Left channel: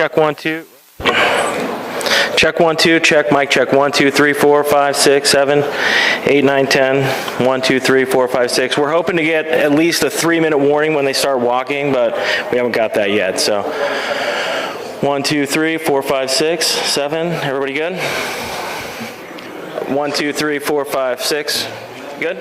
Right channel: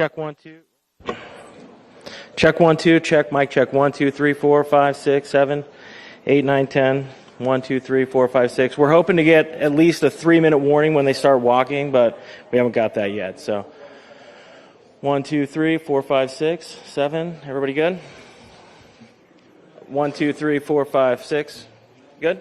Check 1 2. Check 1 2. Check mic check 1 2 3 4 5 6 7 8 9 10 1 2 3 4 5 6. We're hoping to get at least a 3-minute warning when they start walking, but we haven't got that yet. So 1 2 3 4 5 6 7. Everybody good? 1 2 3 4 5 6. Good?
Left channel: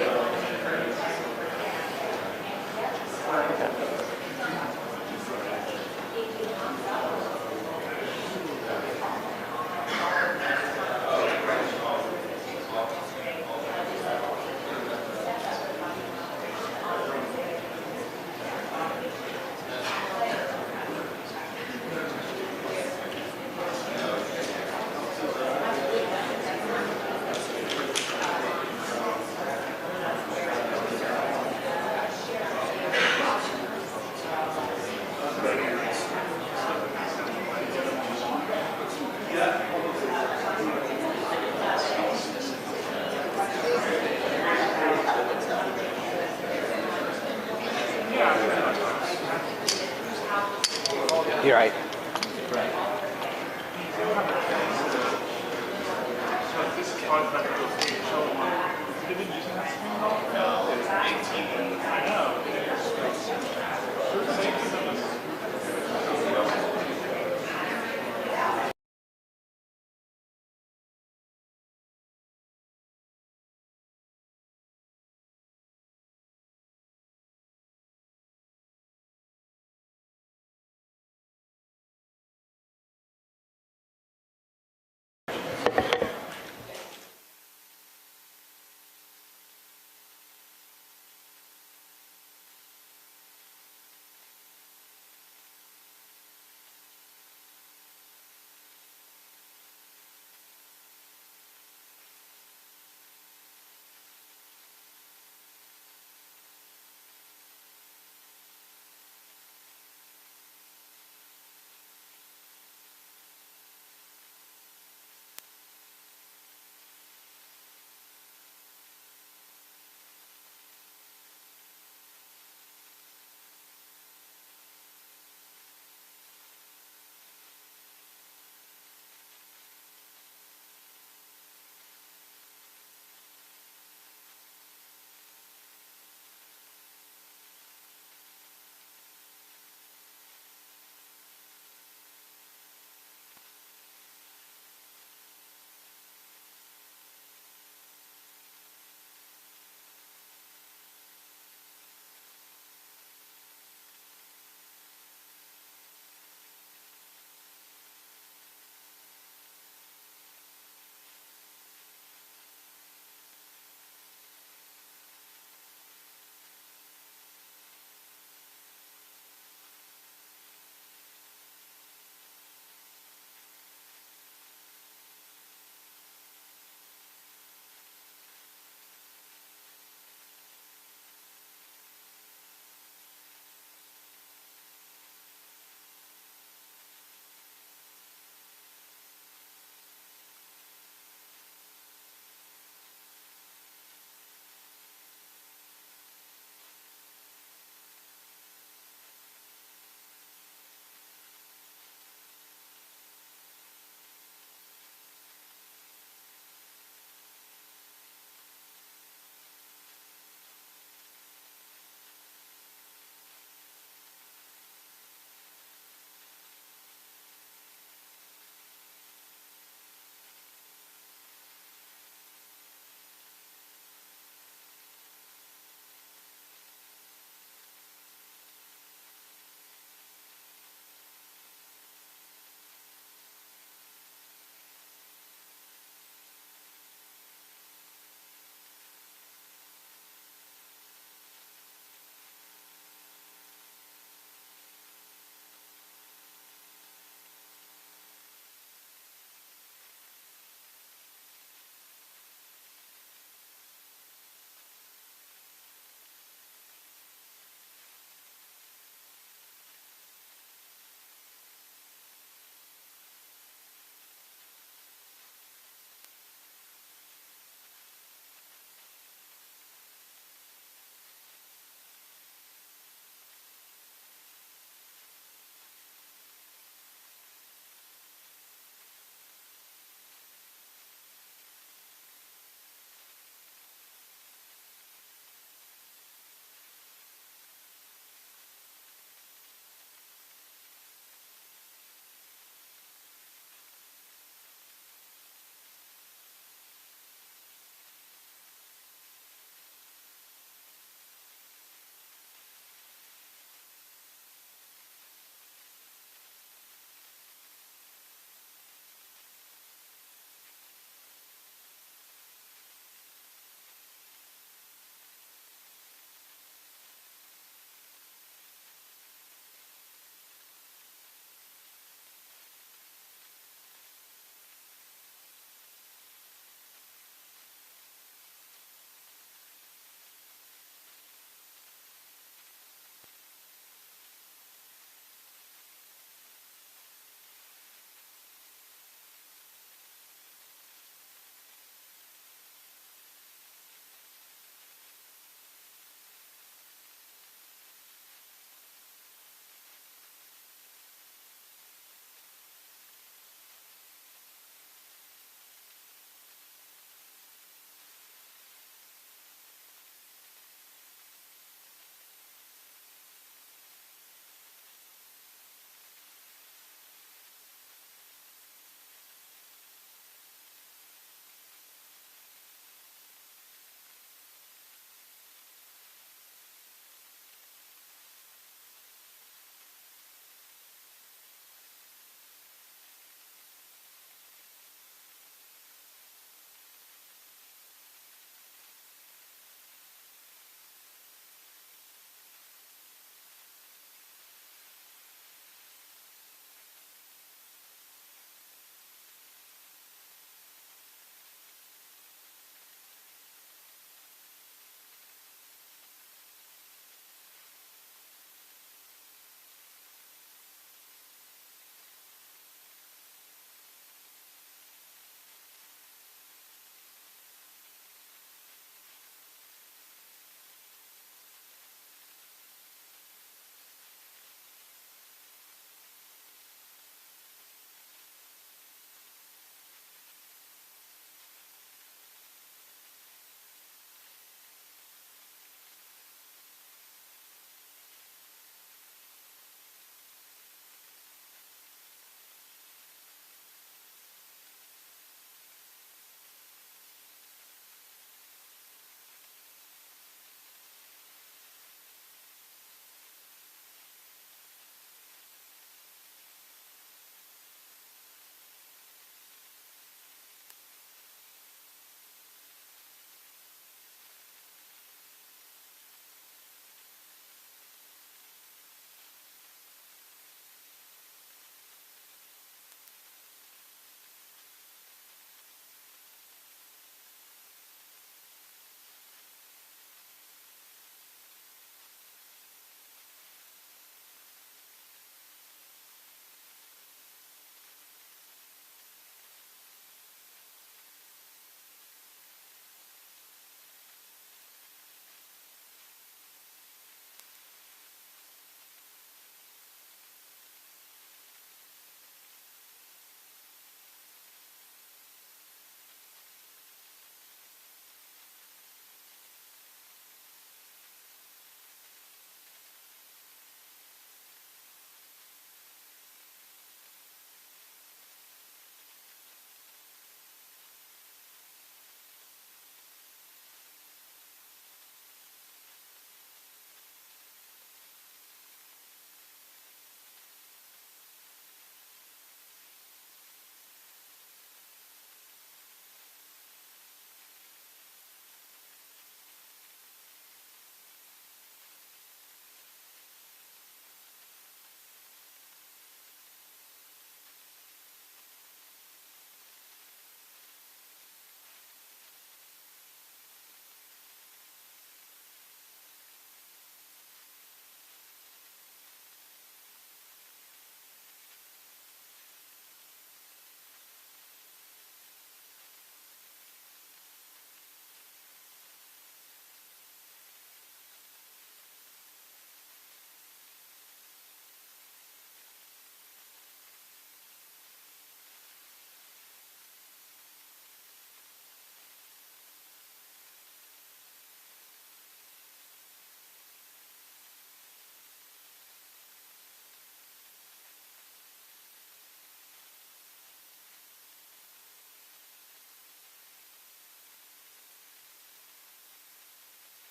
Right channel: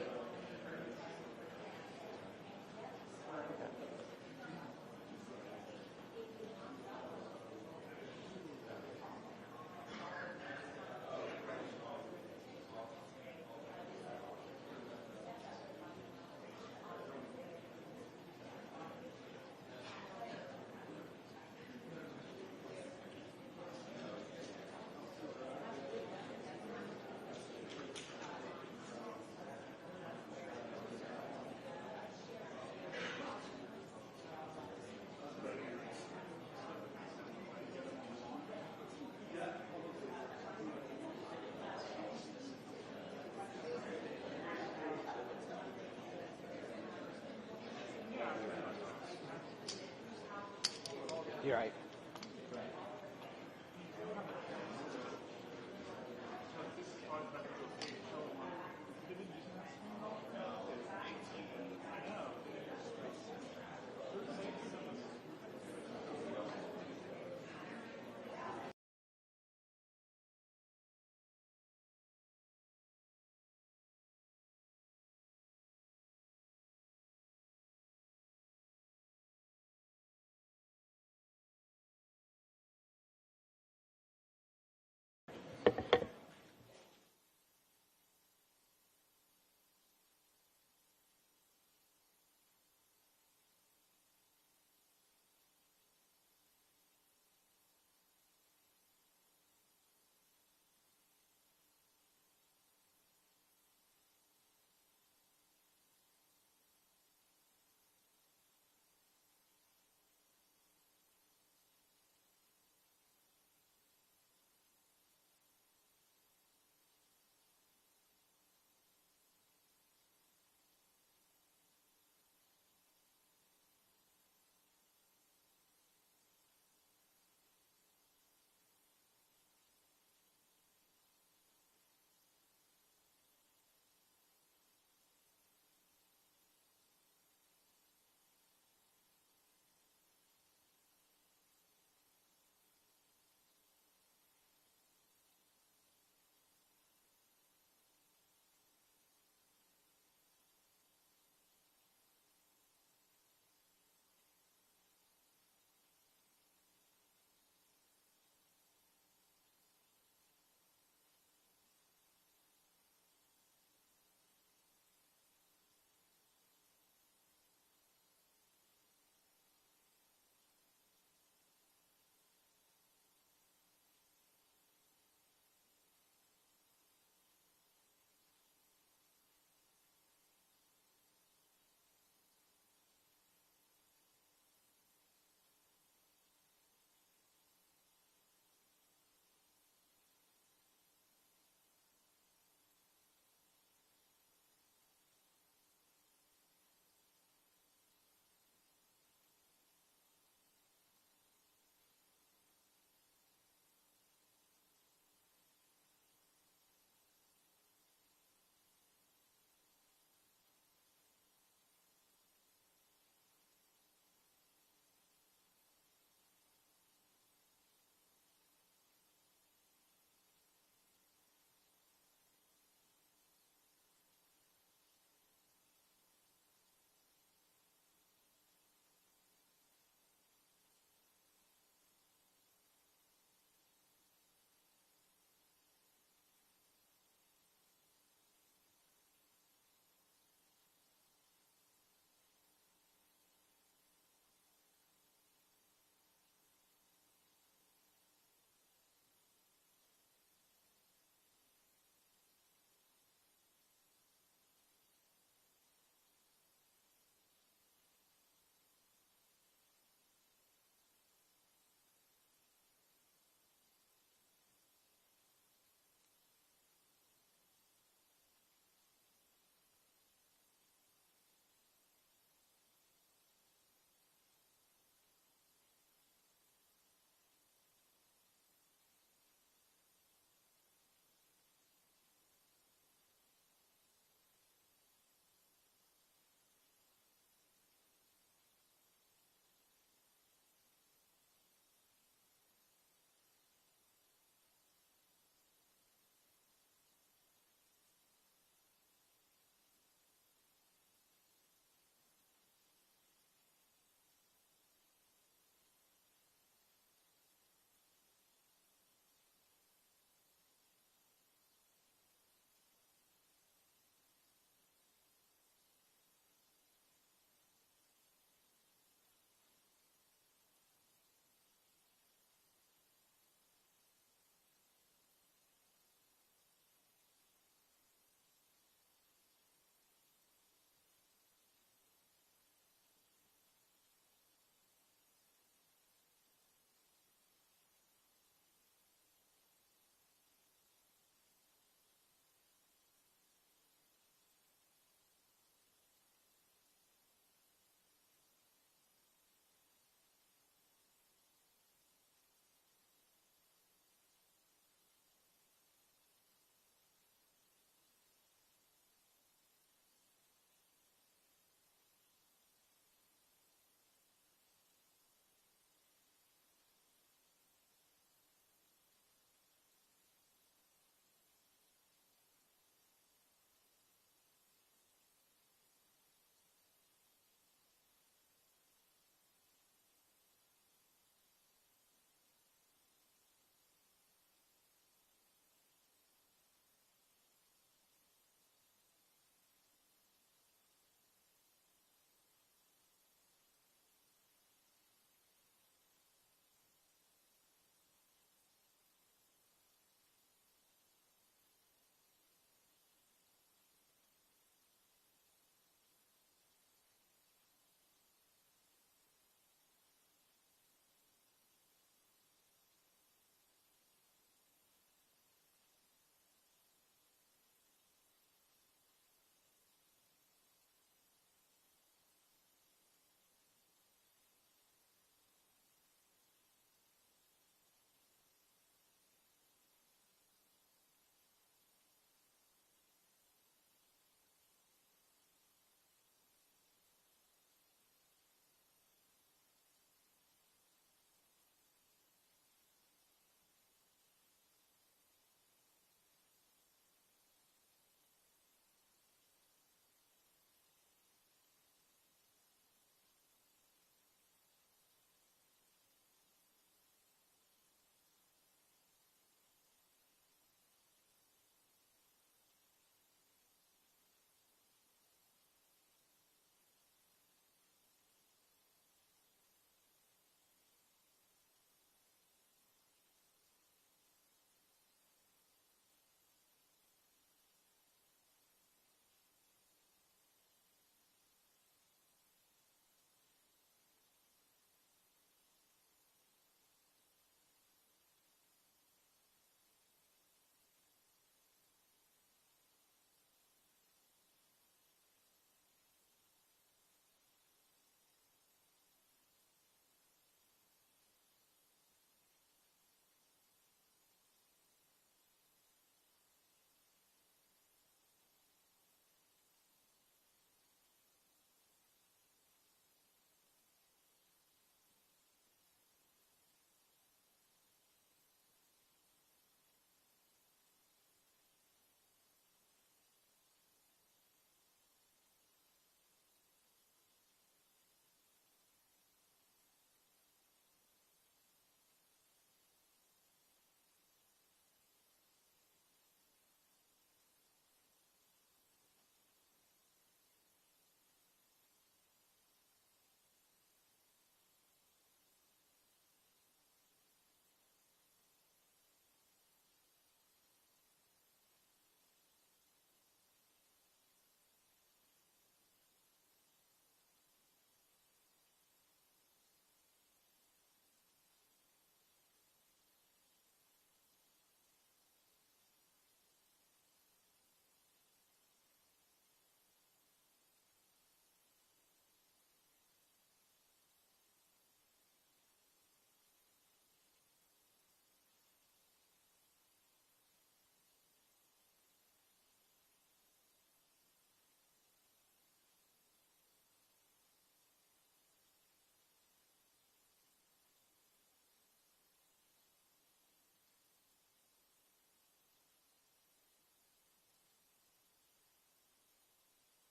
You're right.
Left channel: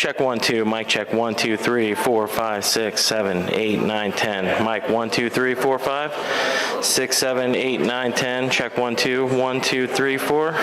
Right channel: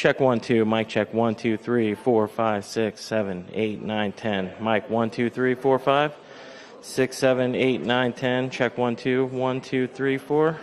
Check 1 2, mic check 1 2 3 4 5 6 7 8 9 10. Mic 1 2 3 4 5 6 7 8 9 10. Check 1 2 1 2 3 4.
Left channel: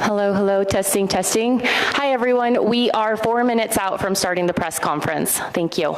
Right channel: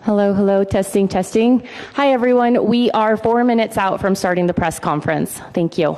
Hello, hello, testing, testing. Hi, everyone. We are 4 minutes out from starting the press conference. Thank you.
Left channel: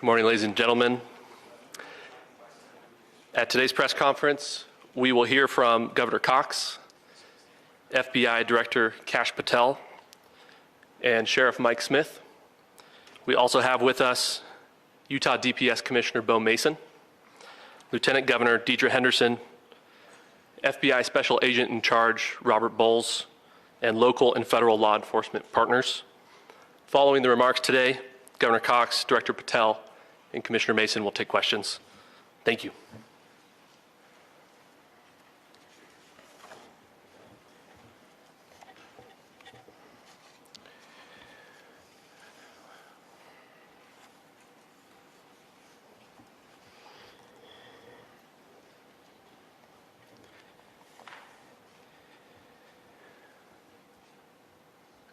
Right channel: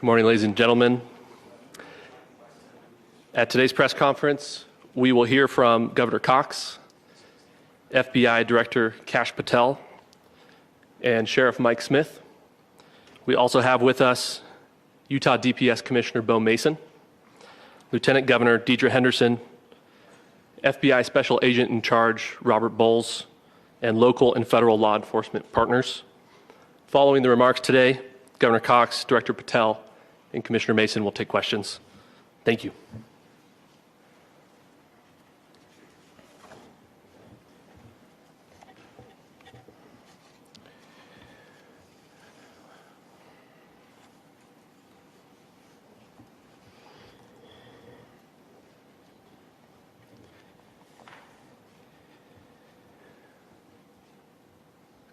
Good morning, ladies and gentlemen. At today's press conference, we will hear from Governor Cox, FBI Director Kash Patel, and Sheriff Mike Smith. We also have with us Utah DPS Commissioner Beau Mason, Lieutenant Governor Deidre Henderson, FBI Special Agent in Charge Robert Bohls, and local and federal law enforcement partners. Following the remarks today, Governor Cox, Director Patel, and Commissioner Mason will take questions. Thank you.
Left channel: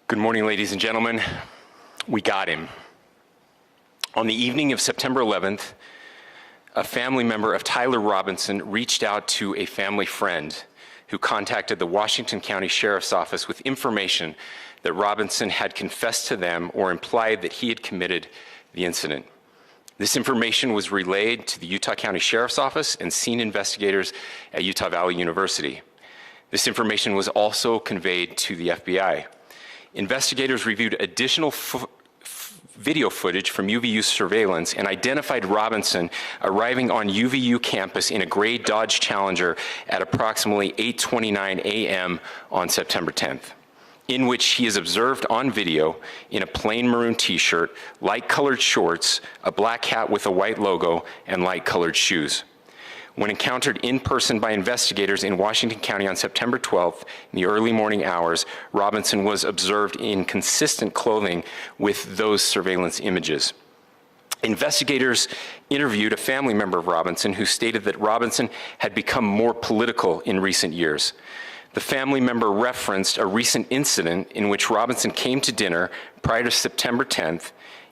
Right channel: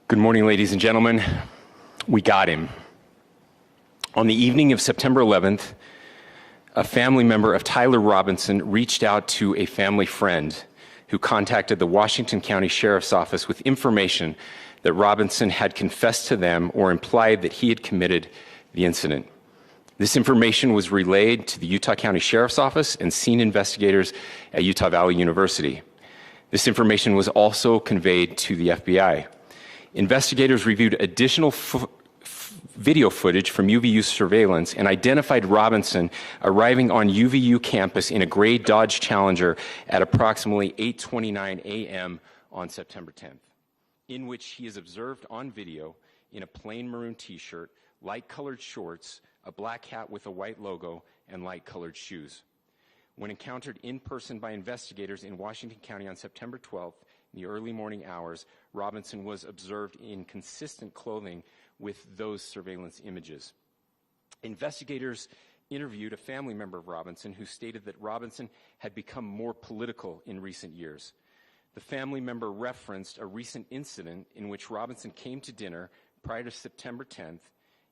Good morning, ladies and gentlemen. We got him. On the evening of September 11th, a family member of Tyler Robinson reached out to a family friend who contacted the Washington County Sheriff's Office with information that Robinson had confessed to them or implied that he had committed the incident. This information was relayed to the Utah County Sheriff's Office and scene investigators at Utah Valley University. This information was also conveyed to the FBI. Investigators reviewed additional video footage from UVU surveillance and identified Robinson arriving on UVU campus in a gray Dodge Challenger at approximately 8:29 a.m. on September 10th, in which he is observed on video in a plain maroon t-shirt, light-colored shorts, a black hat with a white logo, and light-colored shoes. When encountered in person by investigators in Washington County on September 12th, in the early morning hours, Robinson was observed in consistent clothing with those surveillance images. Investigators interviewed a family member of Robinson who stated that Robinson had become more political in recent years. The family member referenced a recent incident in which Robinson came to dinner prior to September 10th,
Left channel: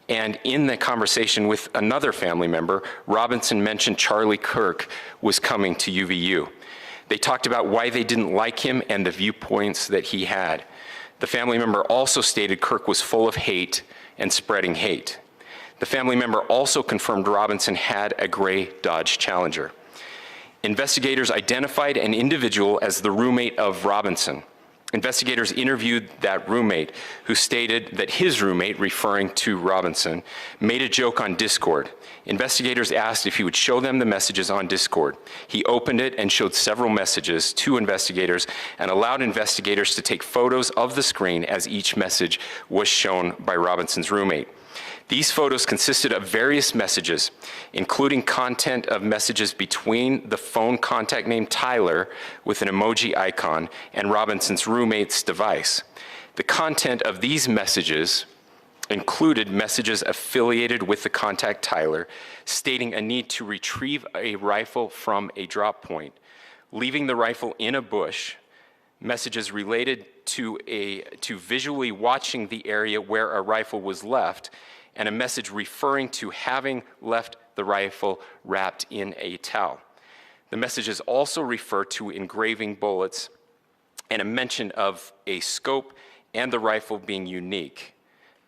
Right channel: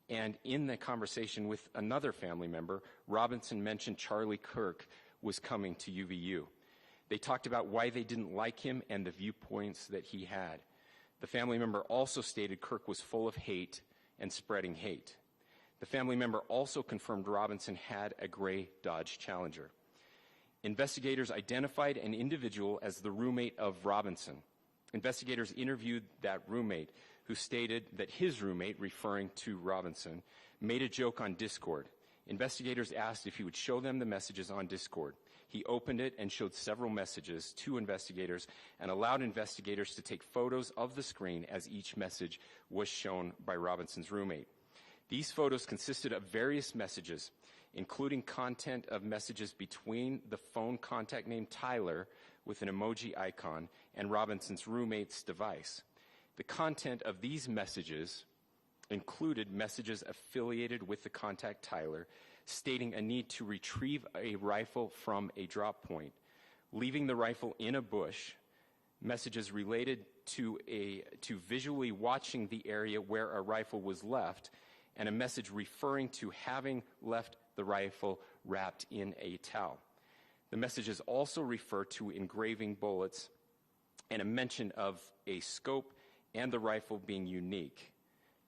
and in the conversation with another family member, Robinson mentioned Charlie Kirk was coming to UVU. They talked about why they didn't like him and the viewpoints that he had. The family member also stated Kirk was full of hate and spreading hate. The family member also confirmed Robinson had a gray Dodge Challenger. Investigators identified an individual as the roommate of Robinson. Investigators interviewed that roommate, who stated that his roommate, referring to Robinson, made a joke on Discord. Investigators asked if he would show them the messages on Discord. He opened it and showed several messages to investigators and allowed investigators to take photos of the screen as each message was shown by Robinson's roommate. These photos consisted of various messages, including content of messages between the phone contact named Tyler with an emoji icon and Robinson's roommate's device. The content of these messages included messages affiliated with the contact Tyler, stating a need to retrieve a rifle from a drop point, leaving the rifle in a bush, messages related to visually watching the area where a rifle was left, and a message referring to having left the rifle wrapped in a towel. The messages also refer to engraving bullets and a mention of a scope and the rifle being unique.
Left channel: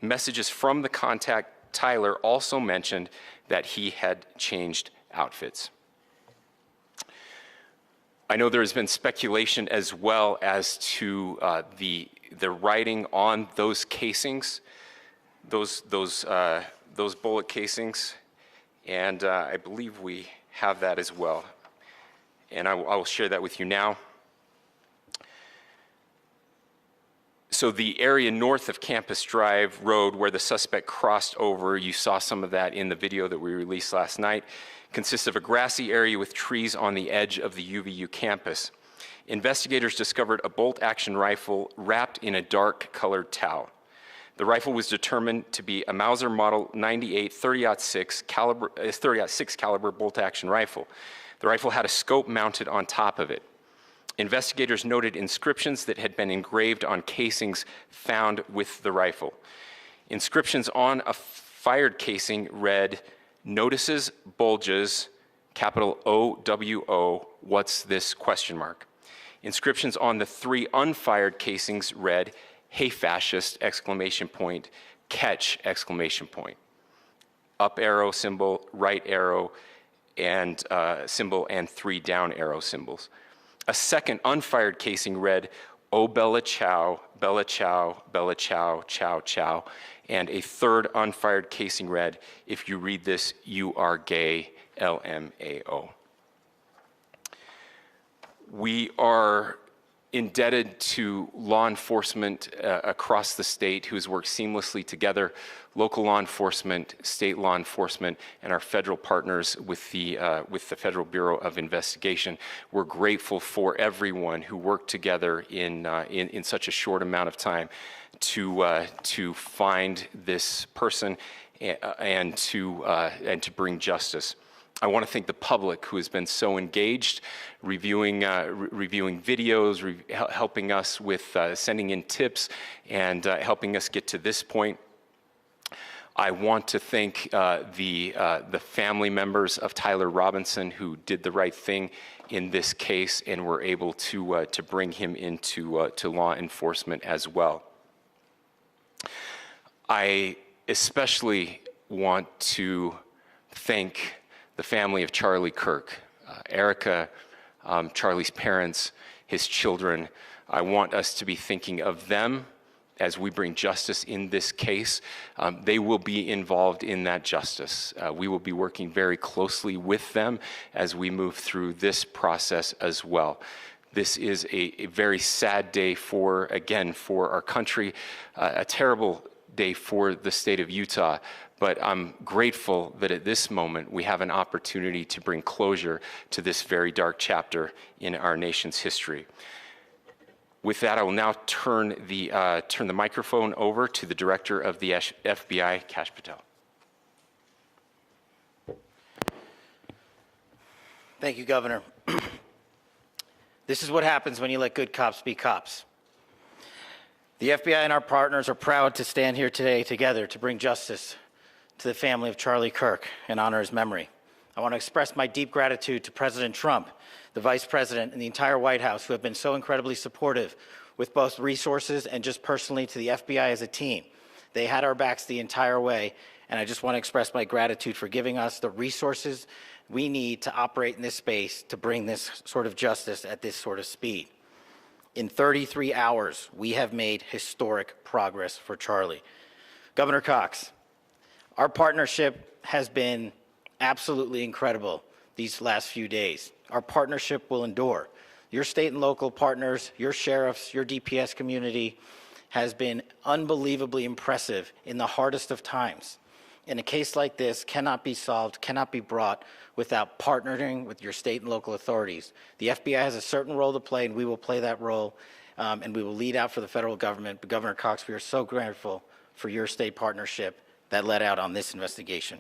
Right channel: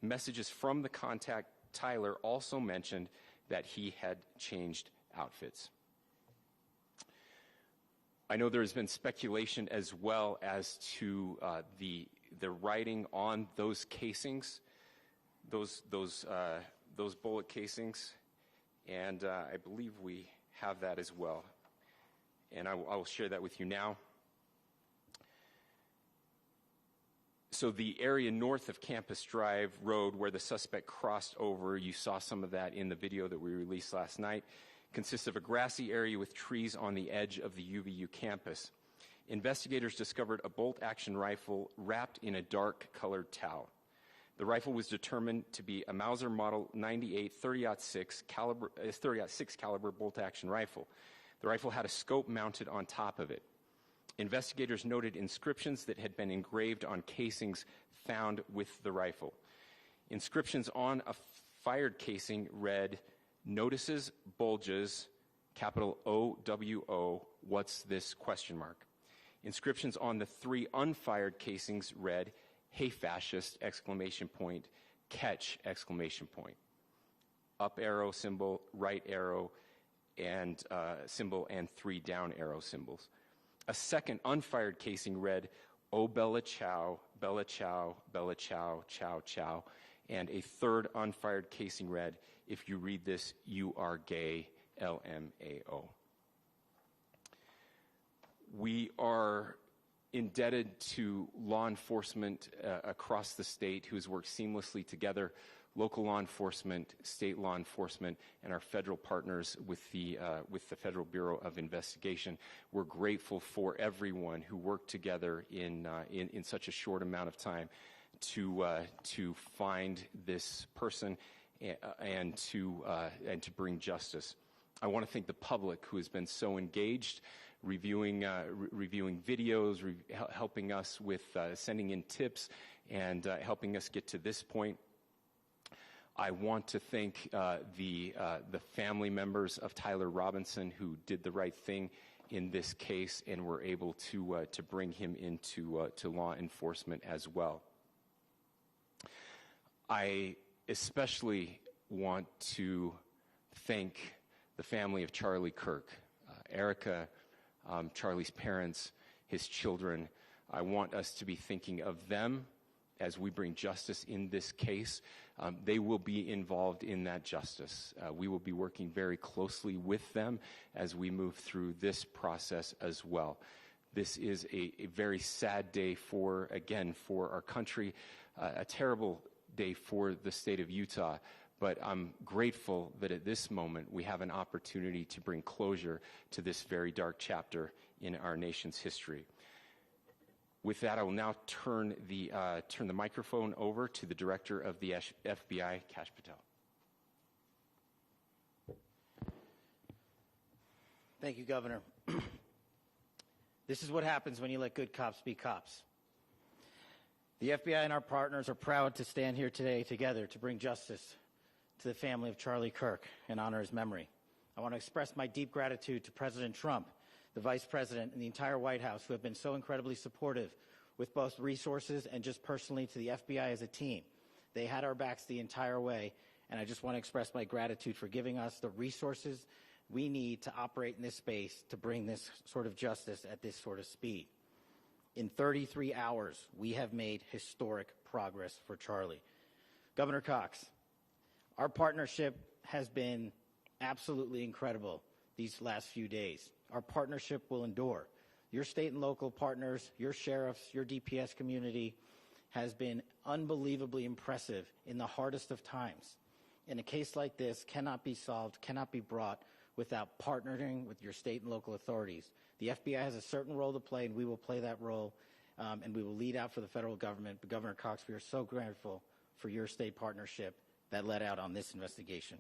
Messages from the contact Tyler also mentioned that he had changed outfits. I know there has been speculation as well as to the writing on those casings, those bullet casings, and I believe we have that as well. And I will share that with you now. So the area north of Campus Drive Road where the suspect crossed over, you saw some of that in the video that we released last night, consists of a grassy area with trees on the edge of the UVU campus. Investigators discovered a bolt-action rifle wrapped in a dark-colored towel. The rifle was determined to be a Mauser Model 98 30-06 caliber bolt-action rifle. The rifle had a scope mounted on top of it. Investigators noted inscriptions that had been engraved on casings found with the rifle. Inscriptions on a fired casing read, "Notices, bulges, capital OWO, what's this, question mark." Inscriptions on the 3 unfired casings read, "Hey fascist, exclamation point, catch, exclamation point." up arrow symbol, right arrow and symbol, and 3 down arrow symbols. A second unfired casing read, "Oh Bella Chow, Bella Chow, Bella Chow, Chow Chow." And a third unfired casing read, "If you read this, you are gay, LMAO." We are indebted to law enforcement across the state who has worked seamlessly together, local law enforcement, state law enforcement, and our federal partners with the Federal Bureau of Investigation. We're grateful for everyone who worked together in such a short amount of time to find this person and to bring justice. I want to thank the public who has been so engaged, reviewing videos, helping us with sending in tips, and helping us get to this point. I want to thank the family members of Tyler Robinson who did the right thing in this case and were able to bring him into to law enforcement as well. I especially want to thank the family of Charlie Kirk, Erica, Charlie's parents, his children. I want us to be thinking of them as we bring justice in this case. They will be involved in that justice. We will be working very closely with them as we move through this process as well. This is a very sad day for our country, a terrible day for the state of Utah. But I'm grateful that at this moment we have an opportunity to bring closure to this very dark chapter in our nation's history. With that, I will now turn the microphone over to the Director of the FBI, Kash Patel. Thank you, Governor. This is what happens when you let good cops be cops. The FBI and our partners are proud to stand here today together to bring justice to the family of Charlie Kirk and honor his memory. I want to express my deep gratitude to President Trump, the Vice President, and the entire White House who have been so incredibly supportive with both resources and just personally to the FBI as a team. They had our backs the entire way, and I just want to express my gratitude for giving us the resources we need to operate in this space to bring this sort of justice at this sort of speed. In 33 hours, we have made historic progress for Charlie. Governor Cox, our partnership has been absolutely incredible these last few days. Our partnership will endure. Your state and local partners, your sheriffs, your DPS community has been unbelievably impressive in the hardest of times. And a case like this cannot be solved, cannot be brought without partnering with your state and local authorities. The FBI has a certain role to play, and we will play that role, and we will lead out for the federal government. But Governor Cox, we are so grateful for your state partnership that led out on this investigation.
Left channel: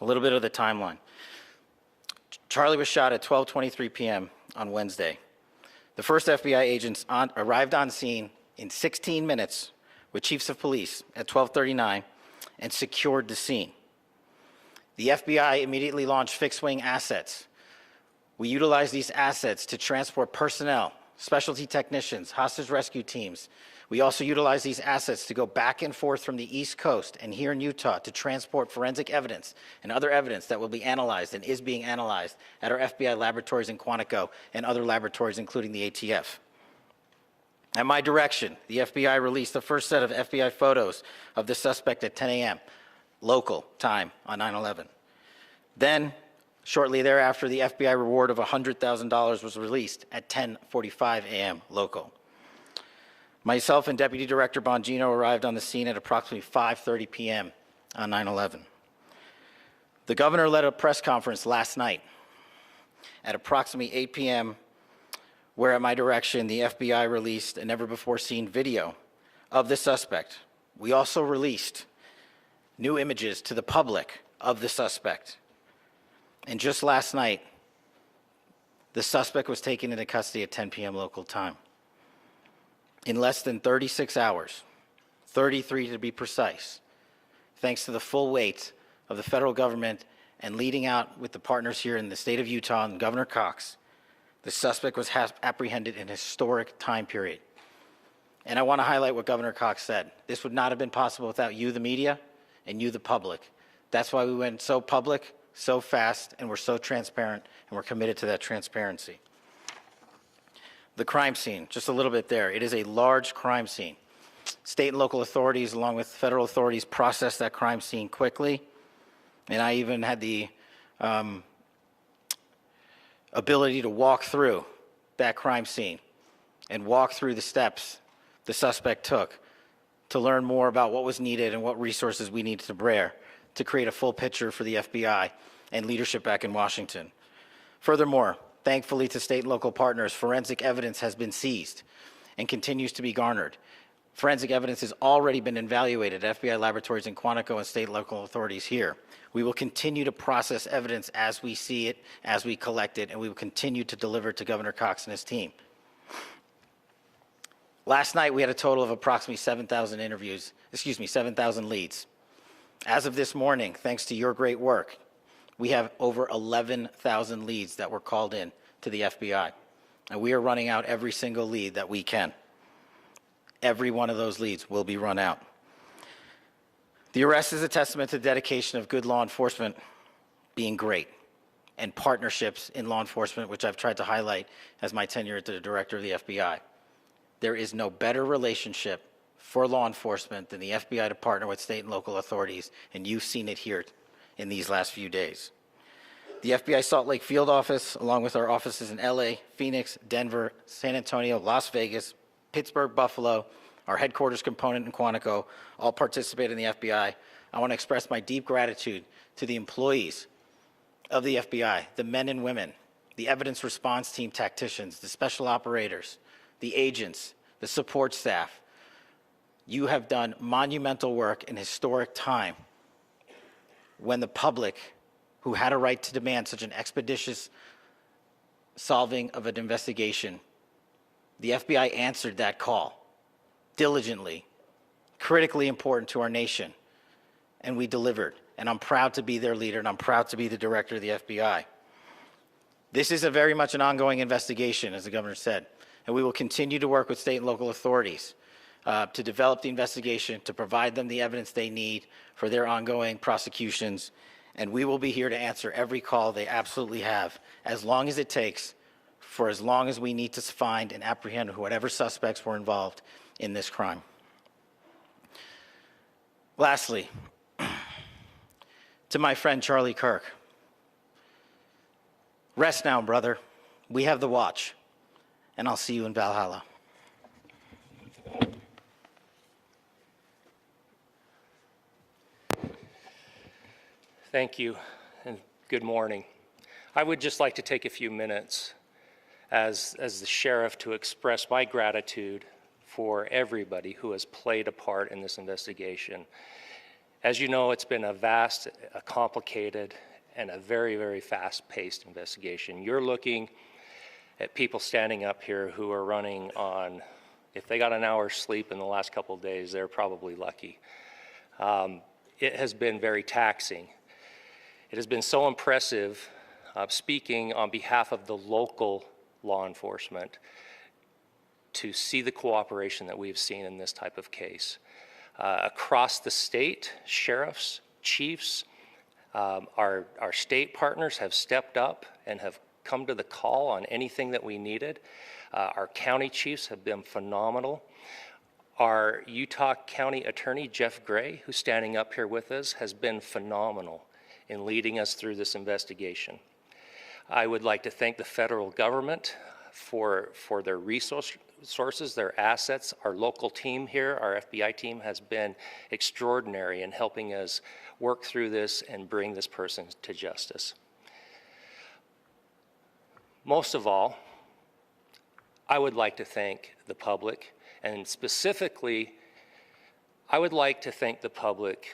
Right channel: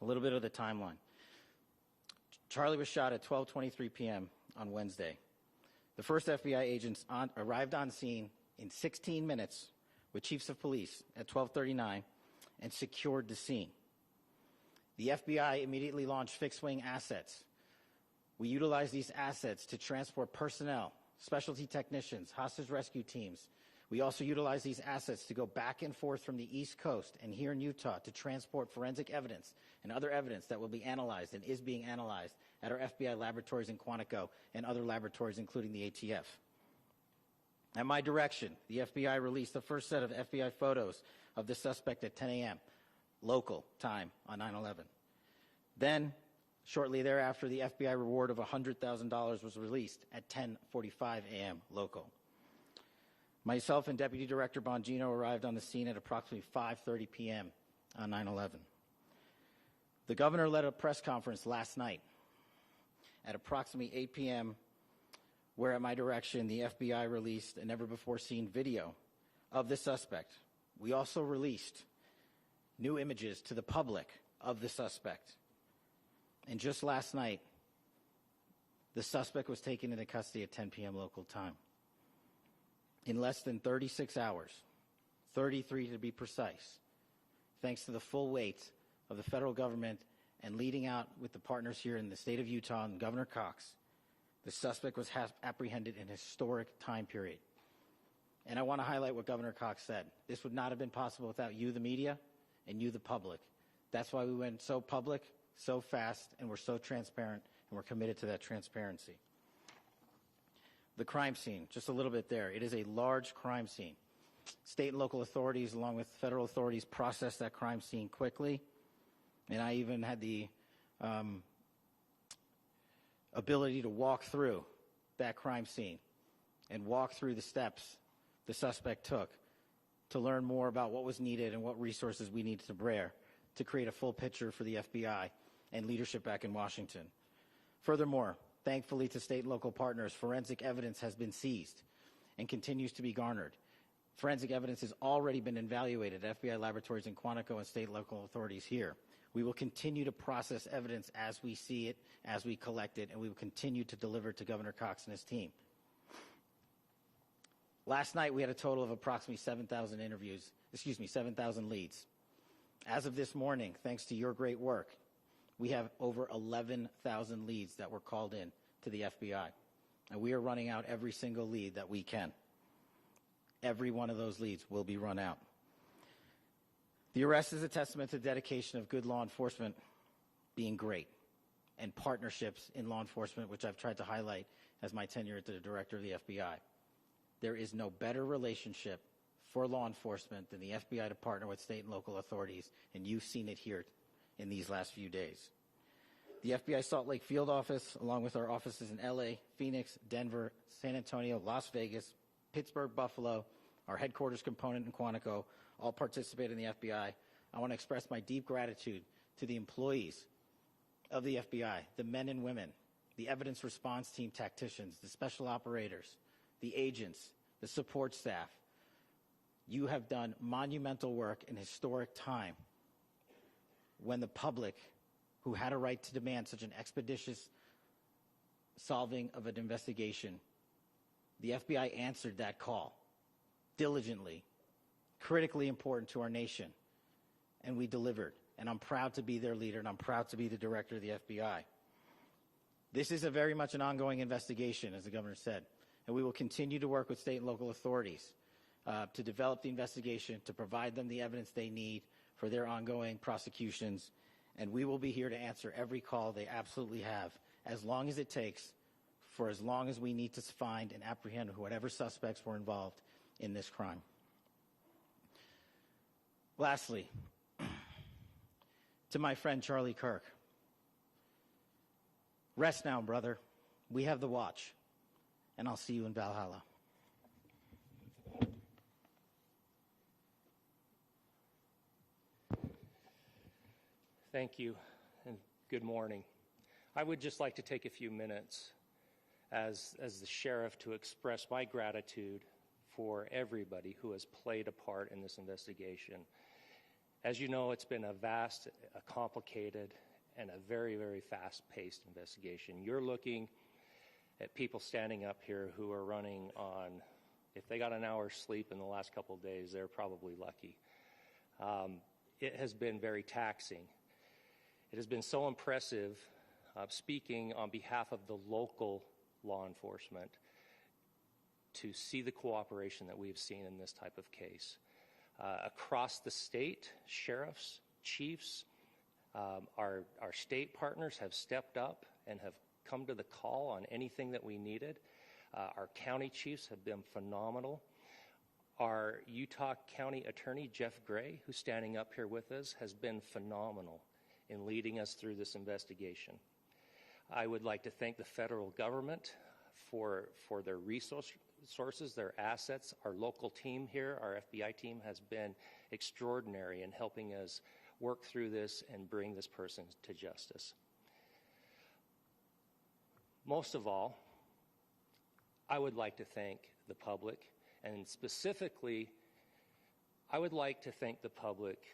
A little bit of the timeline. Charlie was shot at 12:23 p.m. on Wednesday. The first FBI agents arrived on scene in 16 minutes with chiefs of police at 12:39 and secured the scene. The FBI immediately launched fixed-wing assets. We utilized these assets to transport personnel, specialty technicians, hostage rescue teams. We also utilized these assets to go back and forth from the East Coast and here in Utah to transport forensic evidence and other evidence that will be analyzed and is being analyzed at our FBI laboratories in Quantico and other laboratories, including the ATF. At my direction, the FBI released the first set of FBI photos of the suspect at 10 a.m. local time on 9/11. Then, shortly thereafter, the FBI reward of $100,000 was released at 10:45 a.m. local. Myself and Deputy Director Bongino arrived on the scene at approximately 5:30 p.m. on 9/11. The governor led a press conference last night at approximately 8 p.m., where at my direction, the FBI released a never-before-seen video of the suspect. We also released new images to the public of the suspect. And just last night, the suspect was taken into custody at 10 p.m. local time. In less than 36 hours, 33 to be precise, thanks to the full weight of the federal government and leading out with the partners here in the state of Utah and Governor Cox, the suspect was apprehended in a historic time period. And I want to highlight what Governor Cox said. This would not have been possible without you, the media, and you, the public. That's why we went so public, so fast, and we're so transparent, and we're committed to that transparency. The crime scene, just a little bit there. It is a large crime scene. State and local authorities, along with federal authorities, processed that crime scene quickly. And I even had the ability to walk through that crime scene and walk through the steps the suspect took to learn more about what was needed and what resources we needed to bear to create a full picture for the FBI and leadership back in Washington. Furthermore, thankfully to state and local partners, forensic evidence has been seized and continues to be garnered. Forensic evidence has already been evaluated at FBI laboratories in Quantico and state and local authorities here. We will continue to process evidence as we see it, as we collect it, and we will continue to deliver it to Governor Cox and his team. Last night, we had a total of approximately 7,000 leads. As of this morning, thanks to your great work, we have over 11,000 leads that were called in to the FBI. And we are running out every single lead that we can. Every one of those leads will be run out. The arrest is a testament to the dedication of good law enforcement being great and partnerships in law enforcement, which I've tried to highlight as my tenure as the director of the FBI. There is no better relationship for law enforcement than the FBI to partner with state and local authorities, and you've seen it here in these last few days. The FBI Salt Lake Field Office, along with our offices in LA, Phoenix, Denver, San Antonio, Las Vegas, Pittsburgh, Buffalo, our headquarters component in Quantico, all participate in the FBI. I want to express my deep gratitude to the employees of the FBI, the men and women, the evidence response team tacticians, the special operators, the agents, the support staff. You have done monumental work in historic time when the public, who had a right to demand such an expeditious solving of an investigation, the FBI answered that call diligently, critically important to our nation, and we delivered. And I'm proud to be their leader, and I'm proud to be the director of the FBI. This is a very much an ongoing investigation, as the governor said, and we will continue to work with state and local authorities to develop the investigation, to provide them the evidence they need for their ongoing prosecutions, and we will be here to answer every call they absolutely have, as long as it takes, for as long as we need to find and apprehend whatever suspects were involved in this crime. Lastly, to my friend Charlie Kirk, rest now, brother. We have the watch, and I'll see you in Valhalla. Thank you, and good morning. I would just like to take a few minutes as the sheriff to express my gratitude for everybody who has played a part in this investigation. As you know, it's been a vast, a complicated, and a very, very fast-paced investigation. You're looking at people standing up here who are running on, if they got an hour's sleep in the last couple of days, they're probably lucky. It has been very taxing. It has been so impressive, speaking on behalf of the local law enforcement, to see the cooperation that we've seen in this type of case. Across the state, sheriffs, chiefs, our state partners have stepped up and have come to the call on anything that we needed. Our county chiefs have been phenomenal. Our Utah County Attorney, Jeff Gray, who's standing up here with us, has been phenomenal in leading us through this investigation. I would like to thank the federal government for their resources, their assets. Our local team here, our FBI team, has been extraordinary in helping us work through this and bring this person to justice. Most of all, I would like to thank the public, and specifically, I would like to thank the public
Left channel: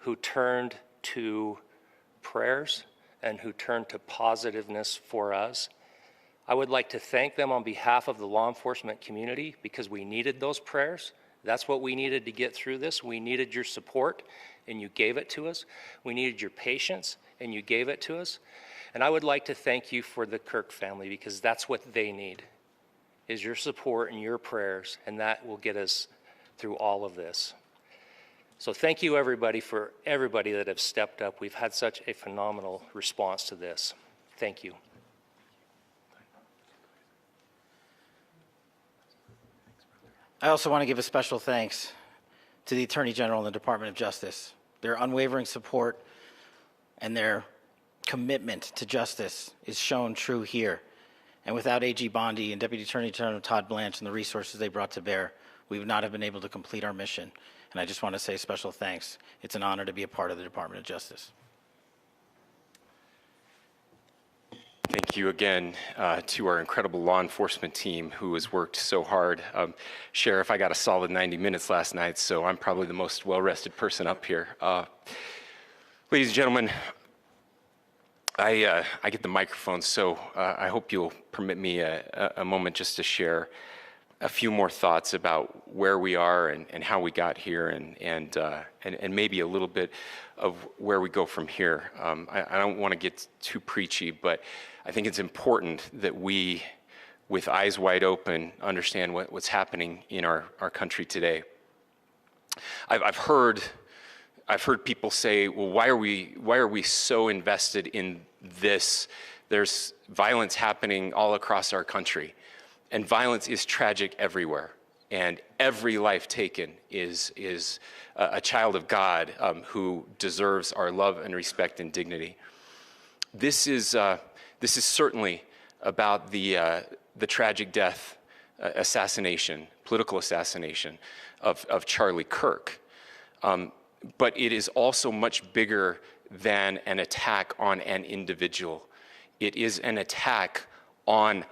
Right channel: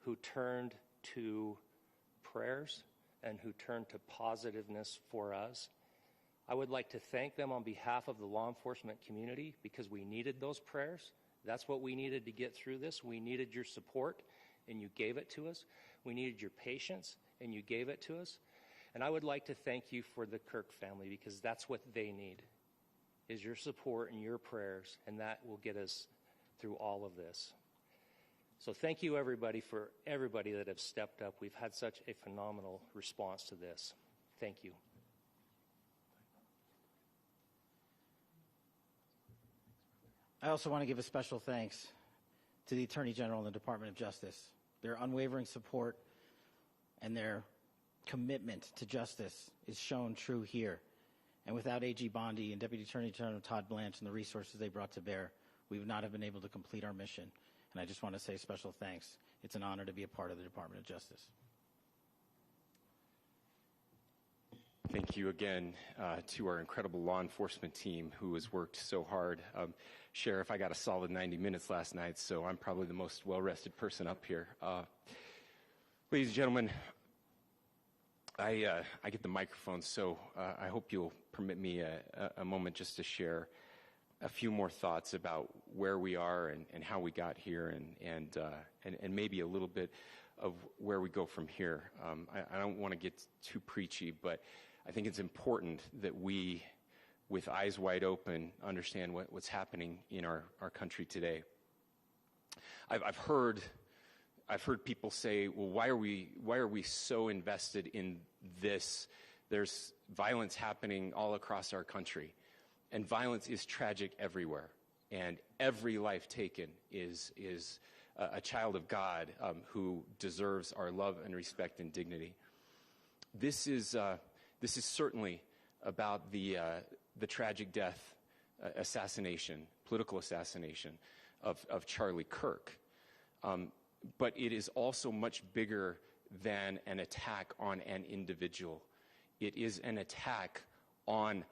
who turned to prayers and who turned to positiveness for us. I would like to thank them on behalf of the law enforcement community, because we needed those prayers. That's what we needed to get through this. We needed your support, and you gave it to us. We needed your patience, and you gave it to us. And I would like to thank you for the Kirk family, because that's what they need, is your support and your prayers, and that will get us through all of this. So thank you everybody for everybody that have stepped up. We've had such a phenomenal response to this. Thank you. I also want to give a special thanks to the Attorney General and the Department of Justice. Their unwavering support and their commitment to justice is shown true here. And without AG Bondi and Deputy Attorney General Todd Blanche and the resources they brought to bear, we would not have been able to complete our mission. And I just want to say special thanks. It's an honor to be a part of the Department of Justice. Thank you again to our incredible law enforcement team who has worked so hard. Sheriff, I got a solid 90 minutes last night, so I'm probably the most well-rested person up here. Ladies and gentlemen, I get the microphone, so I hope you'll permit me a moment just to share a few more thoughts about where we are and how we got here and maybe a little bit of where we go from here. I don't want to get too preachy, but I think it's important that we, with eyes wide open, understand what's happening in our country today. I've heard people say, well, why are we so invested in this? There's violence happening all across our country, and violence is tragic everywhere, and every life taken is a child of God who deserves our love and respect and dignity. This is certainly about the tragic death, political assassination of Charlie Kirk. But it is also much bigger than an attack on an individual. It is an attack on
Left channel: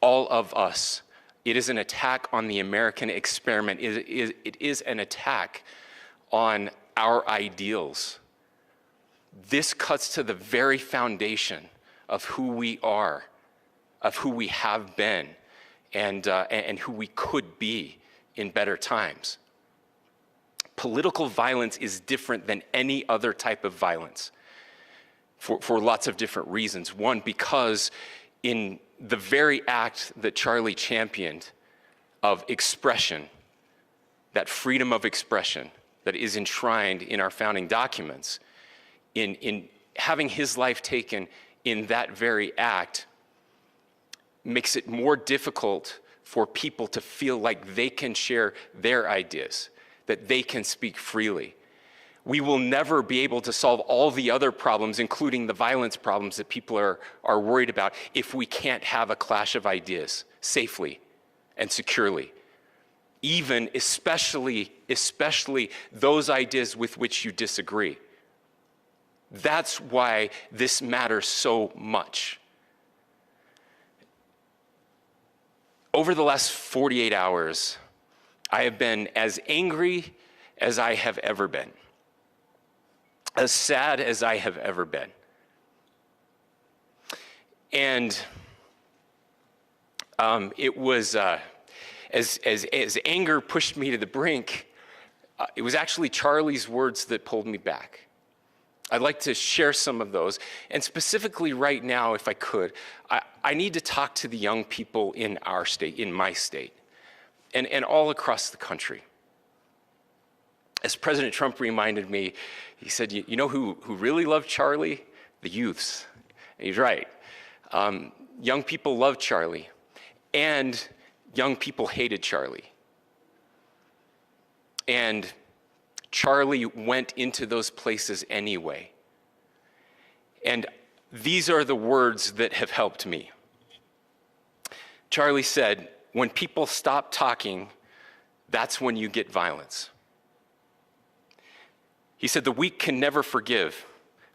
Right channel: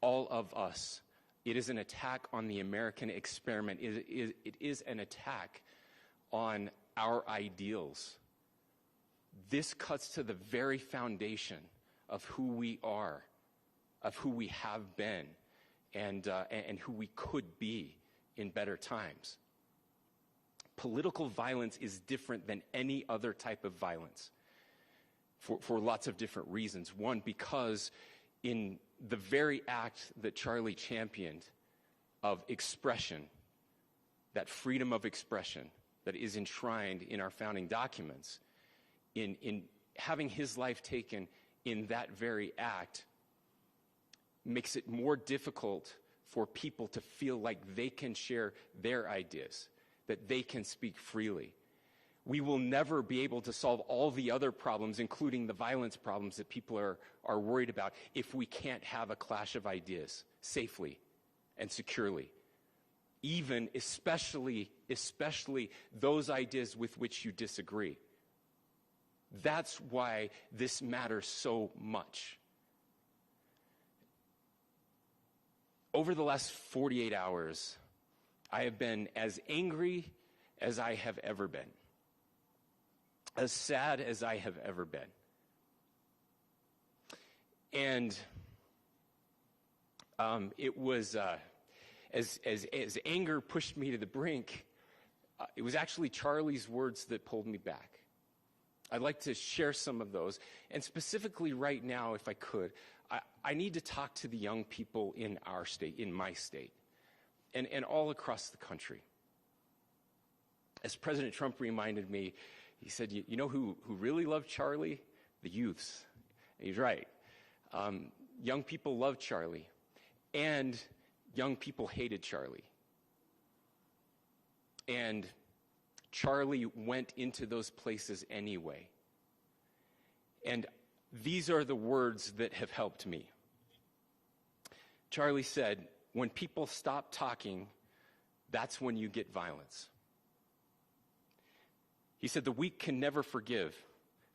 all of us. It is an attack on the American experiment. It is an attack on our ideals. This cuts to the very foundation of who we are, of who we have been, and who we could be in better times. Political violence is different than any other type of violence for lots of different reasons. One, because in the very act that Charlie championed of expression, that freedom of expression that is enshrined in our founding documents, in having his life taken in that very act, makes it more difficult for people to feel like they can share their ideas, that they can speak freely. We will never be able to solve all the other problems, including the violence problems that people are worried about, if we can't have a clash of ideas safely and securely. Even, especially those ideas with which you disagree. That's why this matters so much. Over the last 48 hours, I have been as angry as I have ever been, as sad as I have ever been. And it was, as anger pushed me to the brink, it was actually Charlie's words that pulled me back. I'd like to share some of those. And specifically right now, if I could, I need to talk to the young people in our state, in my state, and all across the country. As President Trump reminded me, he said, you know who really loved Charlie? The youths. And he's right. Young people loved Charlie, and young people hated Charlie. And Charlie went into those places anyway. And these are the words that have helped me. Charlie said, when people stop talking, that's when you get violence. He said, the weak can never forgive.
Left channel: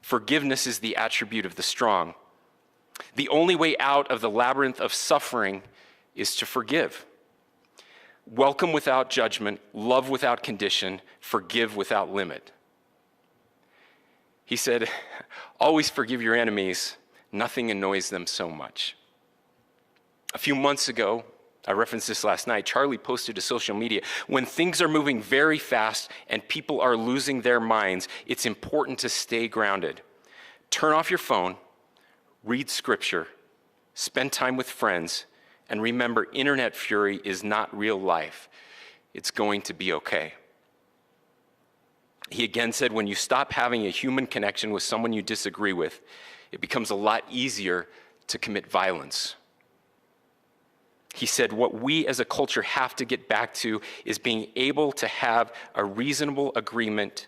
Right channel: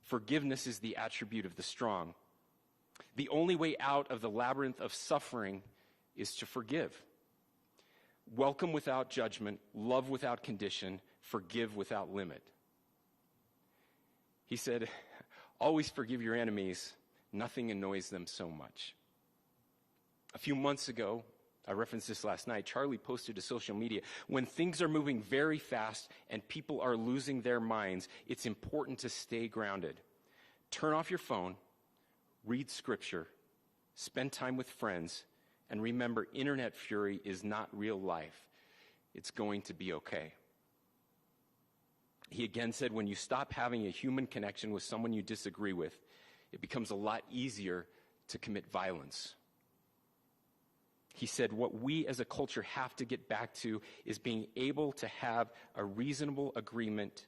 Forgiveness is the attribute of the strong. The only way out of the labyrinth of suffering is to forgive. Welcome without judgment, love without condition, forgive without limit. He said, always forgive your enemies. Nothing annoys them so much. A few months ago, I referenced this last night, Charlie posted to social media, when things are moving very fast and people are losing their minds, it's important to stay grounded. Turn off your phone, read scripture, spend time with friends, and remember, internet fury is not real life. It's going to be okay. He again said, when you stop having a human connection with someone you disagree with, it becomes a lot easier to commit violence. He said, what we as a culture have to get back to is being able to have a reasonable agreement,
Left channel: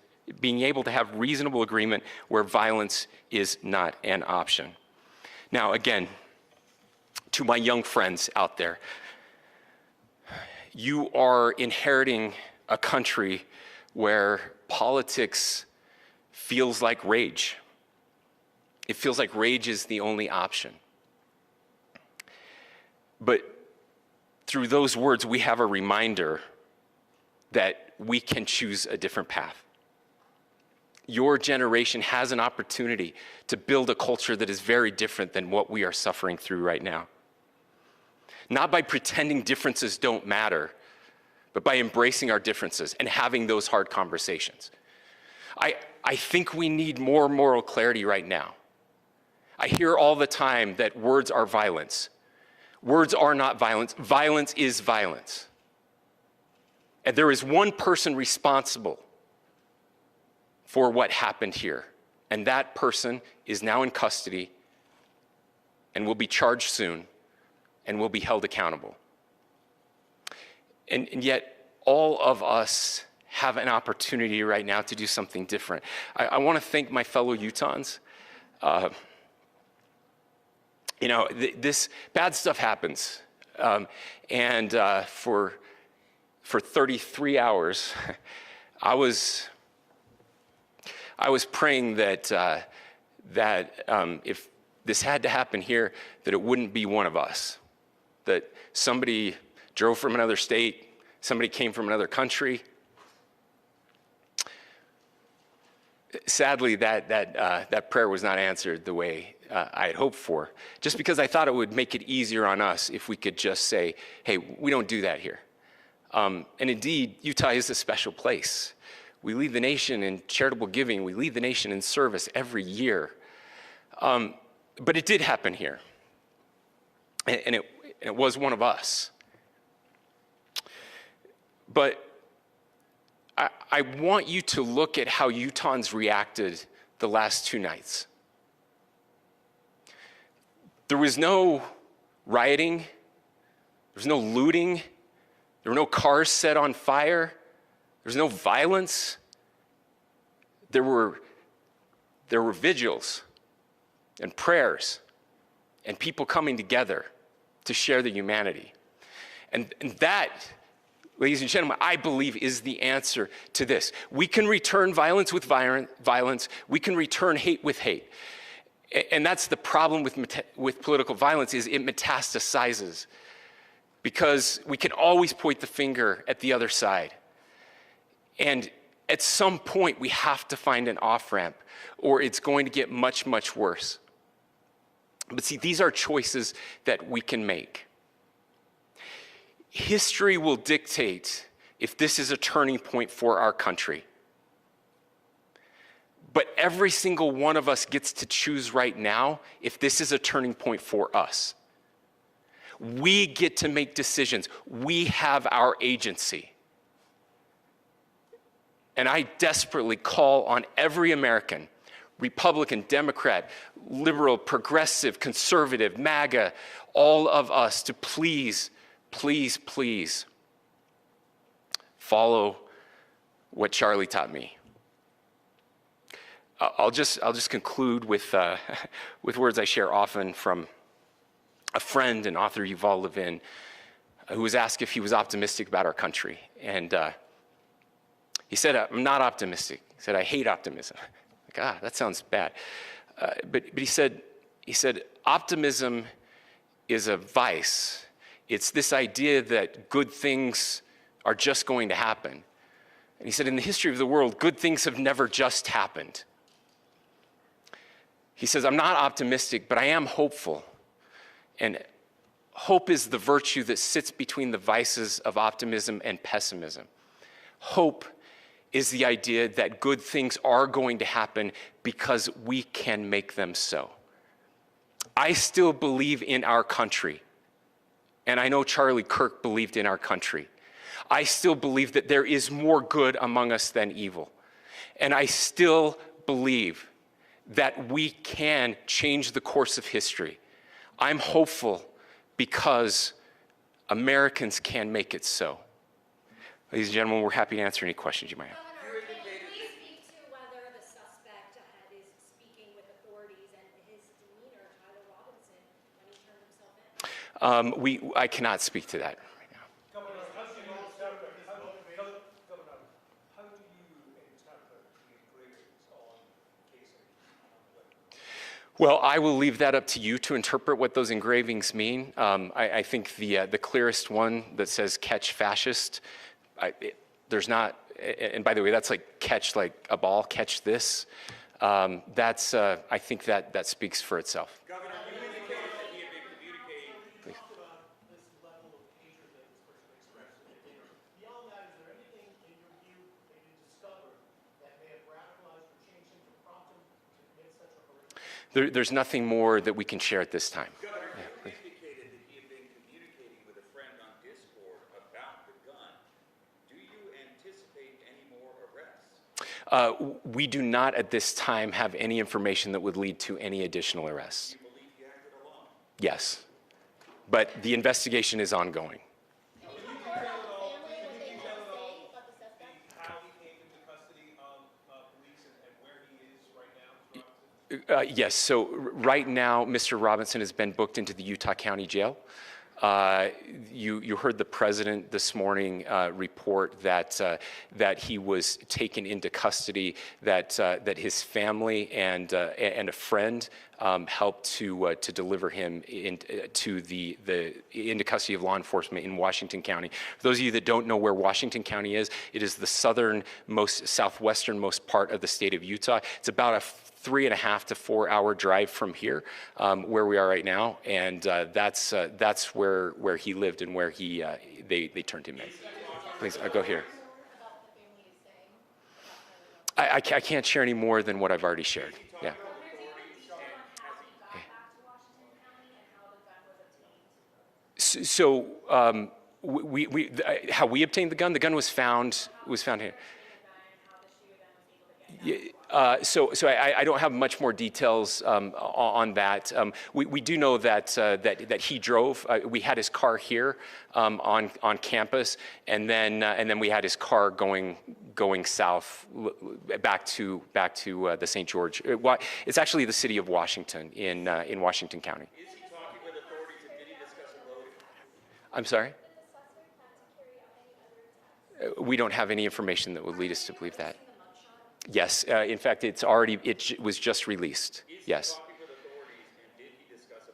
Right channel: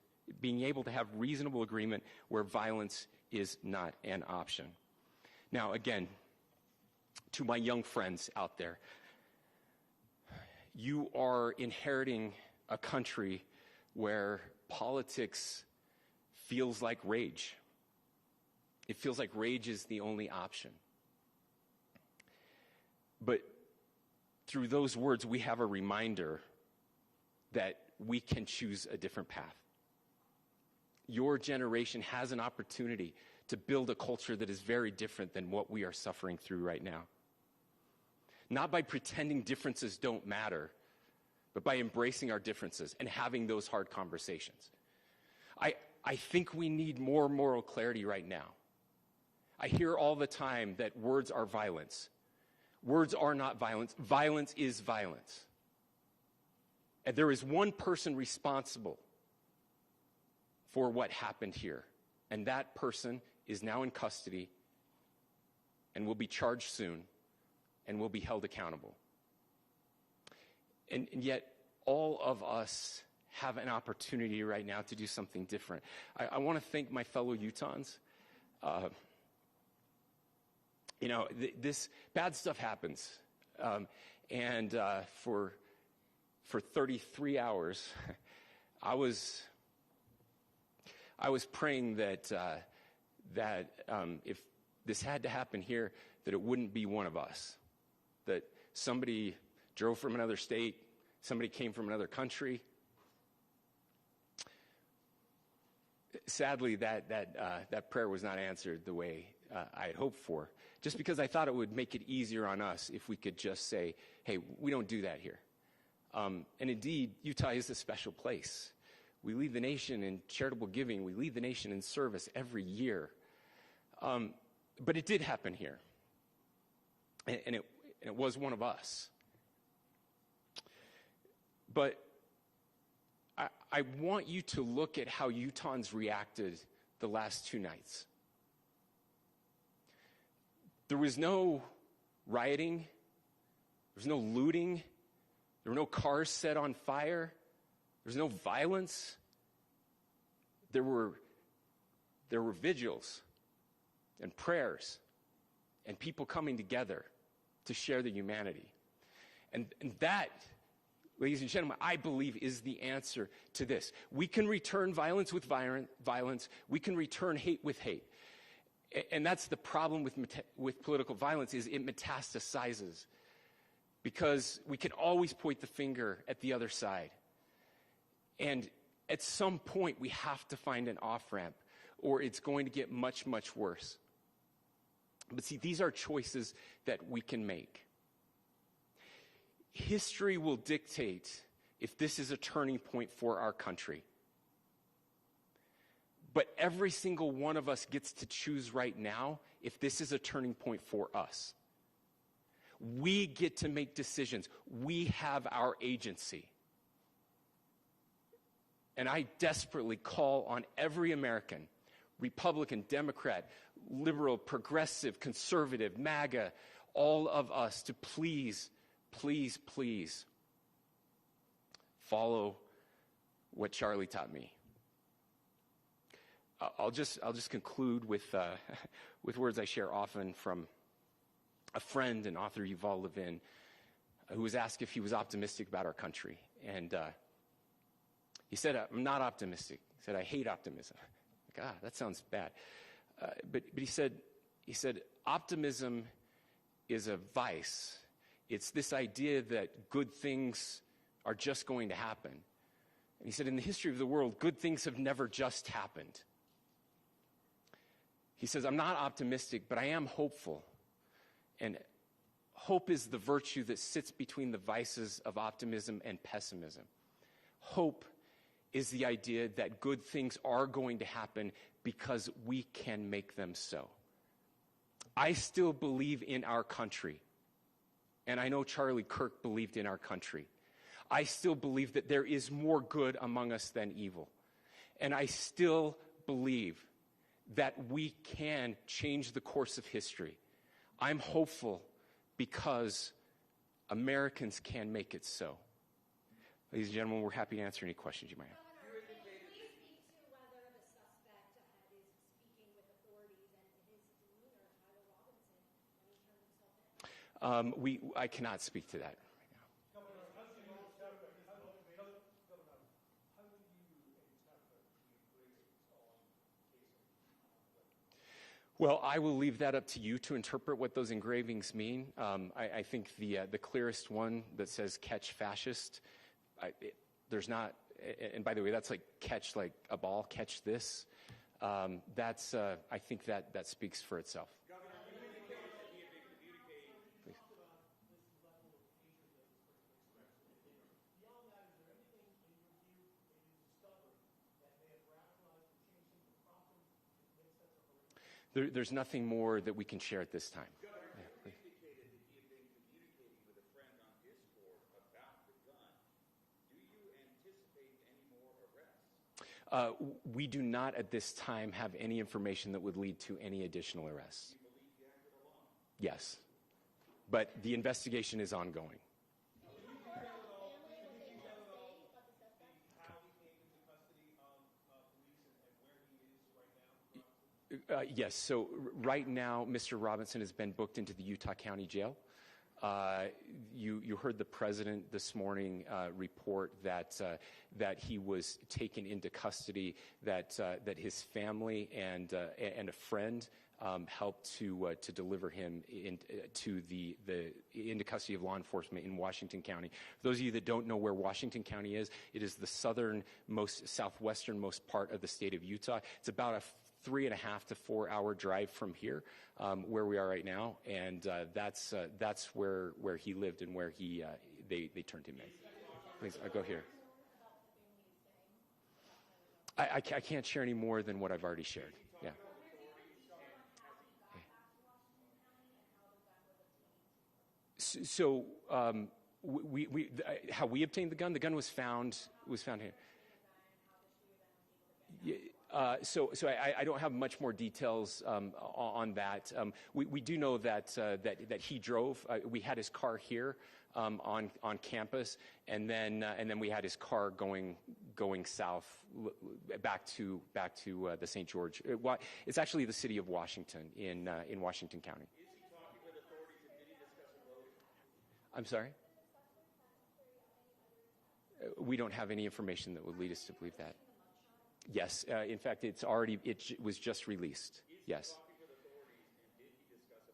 where violence is not an option. Now, again, to my young friends out there, you are inheriting a country where politics feels like rage. It feels like rage is the only option. But through those words, we have a reminder that we can choose a different path. Your generation has an opportunity to build a culture that is very different than what we are suffering through right now. Not by pretending differences don't matter, but by embracing our differences and having those hard conversations. I think we need more moral clarity right now. I hear all the time that words are violence. Words are not violence. Violence is violence. And there is one person responsible for what happened here. And that person is now in custody and will be charged soon and will be held accountable. And yet, all of us have an opportunity right now to do something different. I want to thank my fellow Utahns. This bad stuff happens. For 33 hours, I was praying that if this had to happen here, that it wouldn't be one of us. That somebody drove from another state, somebody came from another country. Sadly, that prayer was not answered the way I had hoped for, just because I thought it would make it easier on us if we could just say, hey, we don't do that here. And indeed, Utah is a special place. We lead the nation in charitable giving. We lead the nation in service every year. But it did happen here. And it was one of us. But I want you to look at how Utahns reacted the last 2 nights. There was no rioting. There was no looting. There were no cars set on fire. There was no violence. There were vigils and prayers and people coming together to share the humanity. And that, ladies and gentlemen, I believe is the answer to this. We can return violence with violence. We can return hate with hate. And that's the problem with political violence, is it metastasizes, because we can always point the finger at the other side. And at some point, we have to find an off-ramp, or it's going to get much, much worse. But see, these are choices that we can make. History will dictate if this is a turning point for our country. But every single one of us gets to choose right now if this is a turning point for us. We get to make decisions. We have our agency. And I desperately call on every American, Republican, Democrat, liberal, progressive, conservative, MAGA, all of us to please, please, please follow what Charlie taught me. I'll just conclude with words I share often from a friend and author, Yuval Levin, who was asked if he was optimistic about our country. And he said, I'm not optimistic. He said, I hate optimism. Like, that sounds bad. But he said, optimism is a vice. It's this idea that good things are just going to happen. And he said, in the history of the world, good things have never just happened. He says, I'm not optimistic, but I am hopeful. And hope is the virtue that sits between the vices of optimism and pessimism. Hope is the idea that good things are going to happen because we can make them so. I still believe in our country. And I know Charlie Kirk believed in our country. I still believe that there is more good among us than evil. And I still believe that we can change the course of history. I'm hopeful because Americans can make it so. Ladies and gentlemen, we're happy to answer any questions you might have. Governor, can you please speak to whether the suspect is speaking with authorities and his demeanor, Tyler Robinson, when he turned himself in? I cannot speak to that right now. Governor, how do you interpret the engravings on casing? Well, I will leave that up to you to interpret what those engravings mean. I think the clearest one that says "catch fascist," there's not, and by the way, that's like catch like a ball, catch this. That's I think that speaks for itself. Governor, you indicated that he had been communicating. Please. Talked about this level of hatred that this person expressed in their dinner. Beyond that, is there anything in your view that you discovered that may have radicalized or changed him to prompt him to commit such a horrific? There's nothing more that we can share at this time. Governor, you indicated that he had been communicating with a friend on Discord about the gun. Do you anticipate any more arrests? We do not at this time have any information that would lead to any additional arrests. Do you believe he acted alone? Yes, but the investigation is ongoing. How he came into custody of police and where he is right now? Yes, so right now, Mr. Robinson has been booked into the Utah County Jail. You heard the president this morning report that he was taken into custody, that his family and a friend helped to deliver him into custody of law enforcement in Washington County. For those of you that don't know where Washington County is, it is the southwesternmost part of the state of Utah. It's about a 3.5 to 4 hour drive from here, where we are right now, and that's where he lived and where they turned him in. Please, I'll go here. I can't share any more than what I've already shared. Yeah. So how we obtained the gun was found here. So I don't have much more details on that. We do know that he drove. We had his car here on campus, and then we had his car going south back to the St. George. It's actually the city of Washington in Washington County. Is he talking with authorities and did he discuss a motive? I'm sorry? We don't have any information that would lead us to believe that. Yes, in fact, it was just released. Yes. Talking with authorities and did he discuss a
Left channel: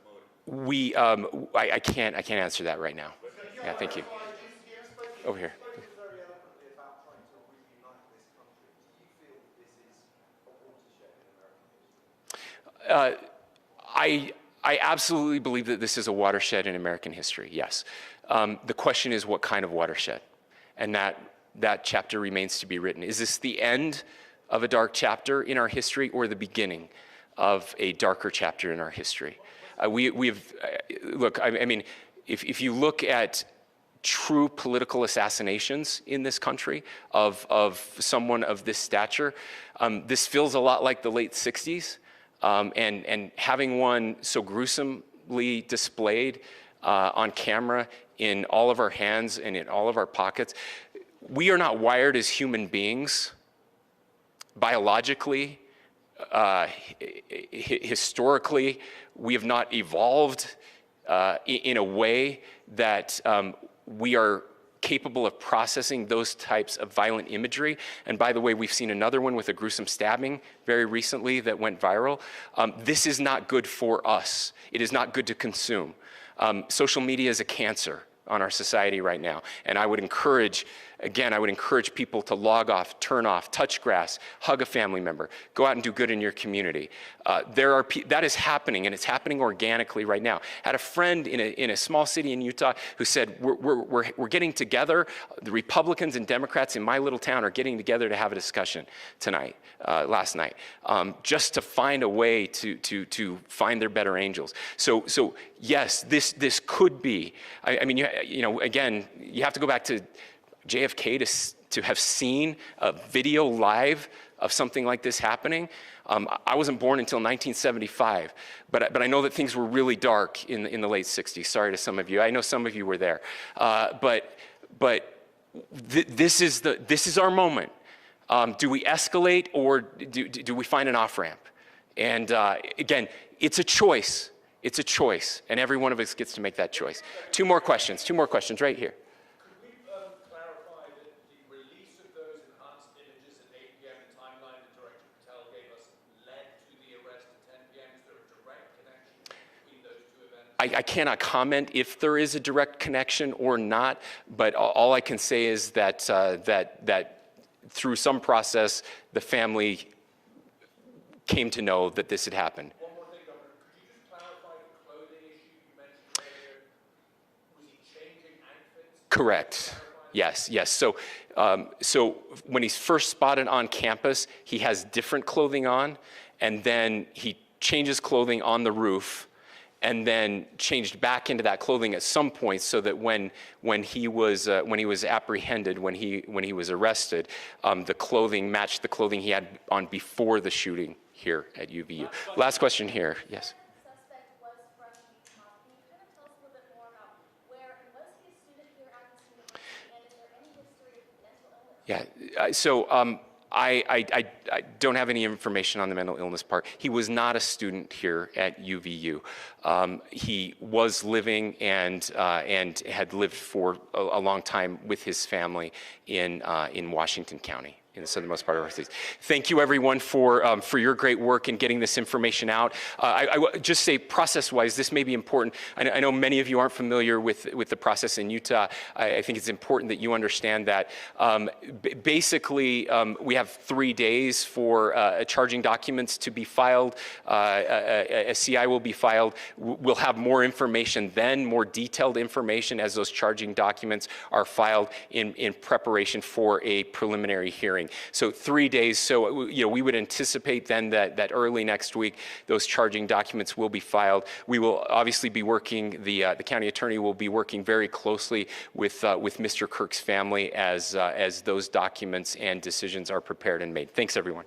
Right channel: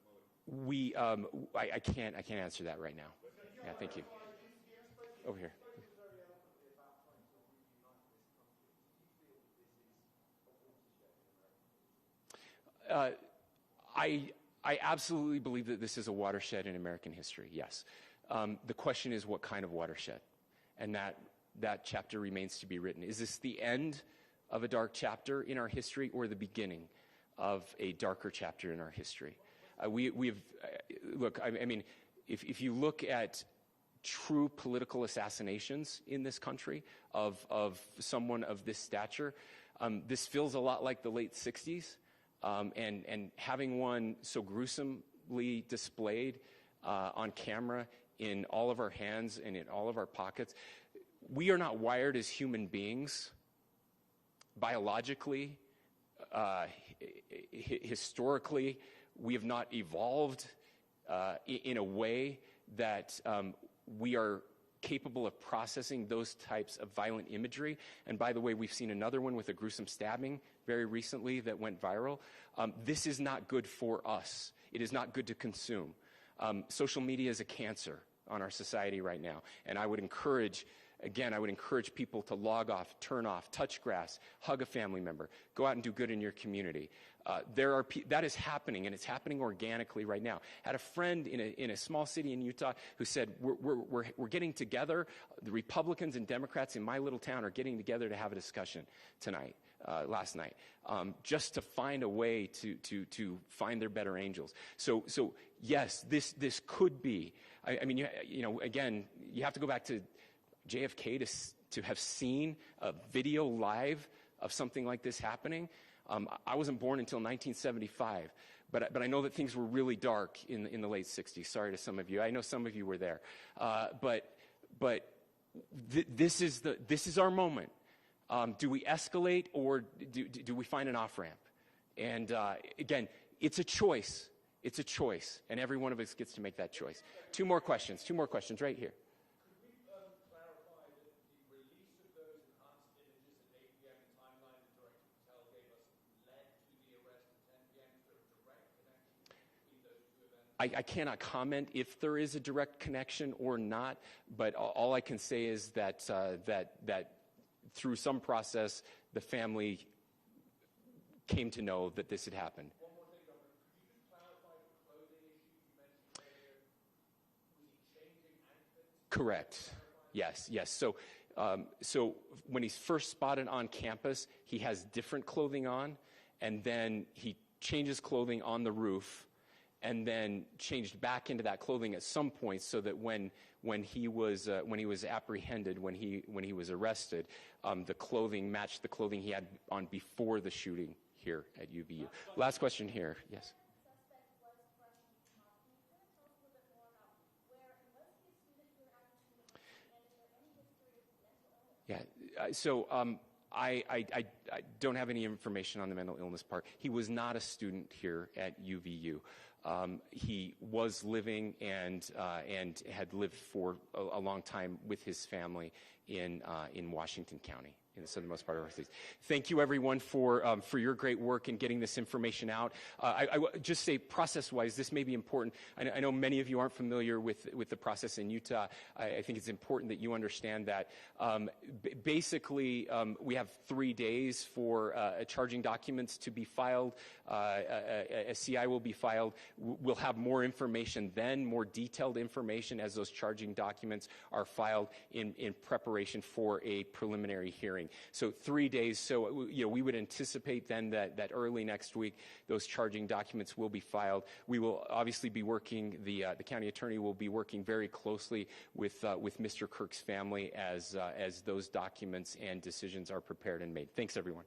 motive? I can't answer that right now. Yeah, thank you. Over here. I absolutely believe that this is a watershed in American history, yes. The question is what kind of watershed? And that chapter remains to be written. Is this the end of a dark chapter in our history or the beginning of a darker chapter in our history? Look, I mean, if you look at true political assassinations in this country of someone of this stature, this feels a lot like the late 60s. And having one so gruesomely displayed on camera in all of our hands and in all of our pockets, we are not wired as human beings biologically, historically. We have not evolved in a way that we are capable of processing those types of violent imagery. And by the way, we've seen another one with a gruesome stabbing very recently that went viral. This is not good for us. It is not good to consume. Social media is a cancer on our society right now. And I would encourage people to log off, turn off, touch grass, hug a family member, go out and do good in your community. That is happening, and it's happening organically right now. I had a friend in a small city in Utah who said, we're getting together, the Republicans and Democrats in my little town are getting together to have a discussion last night, just to find a way to find their better angels. So yes, this could be, I mean, again, you have to go back to JFK to have seen a video live of something like this happening. I wasn't born until 1975, but I know that things were really dark in the late 60s. Sorry to some of you. I know some of you were there. This is our moment. Do we escalate, or do we find an off-ramp? And again, it's a choice. It's a choice, and every one of us gets to make that choice. Two more questions right here. Could we clarify that the release of those enhanced images at 8 p.m., the timeline that Director Patel gave us, led to the arrest at 10 p.m.? Is there a direct connection between those two events? I cannot comment if there is a direct connection or not, but all I can say is that through some process, the family came to know that this had happened. One more thing, Governor. Could you just clarify the clothing issue you mentioned earlier? Was he changing outfits? Correct. Yes. So when he's first spotted on campus, he has different clothing on, and then he changes clothing on the roof, and then changed back into that clothing at some point, so that when he was apprehended, when he was arrested, the clothing matched the clothing he had on before the shooting here at UVU. Last question here. Yes. Suspect was from Utah. Can you kind of tell us a little bit more about where, and was he a student here at this university, and is there any history of mental illness? Yeah. So I don't have any information on the mental illness part. He was not a student here at UVU. He was living and had lived for a long time with his family in Washington County, in the southernmost part of our state. Thank you, everyone, for your great work in getting this information out. I would just say, process-wise, this may be important. I know many of you aren't familiar with the process in Utah. I think it's important that you understand that. Basically, we have 3 days for charging documents to be filed. A CI will be filed. We'll have more information then, more detailed information as those charging documents are filed in preparation for a preliminary hearing. So 3 days. So we would anticipate then that early next week those charging documents will be filed. We will obviously be working. The county attorney will be working very closely with Mr. Kirk's family as those documents and decisions are prepared and made. Thanks, everyone.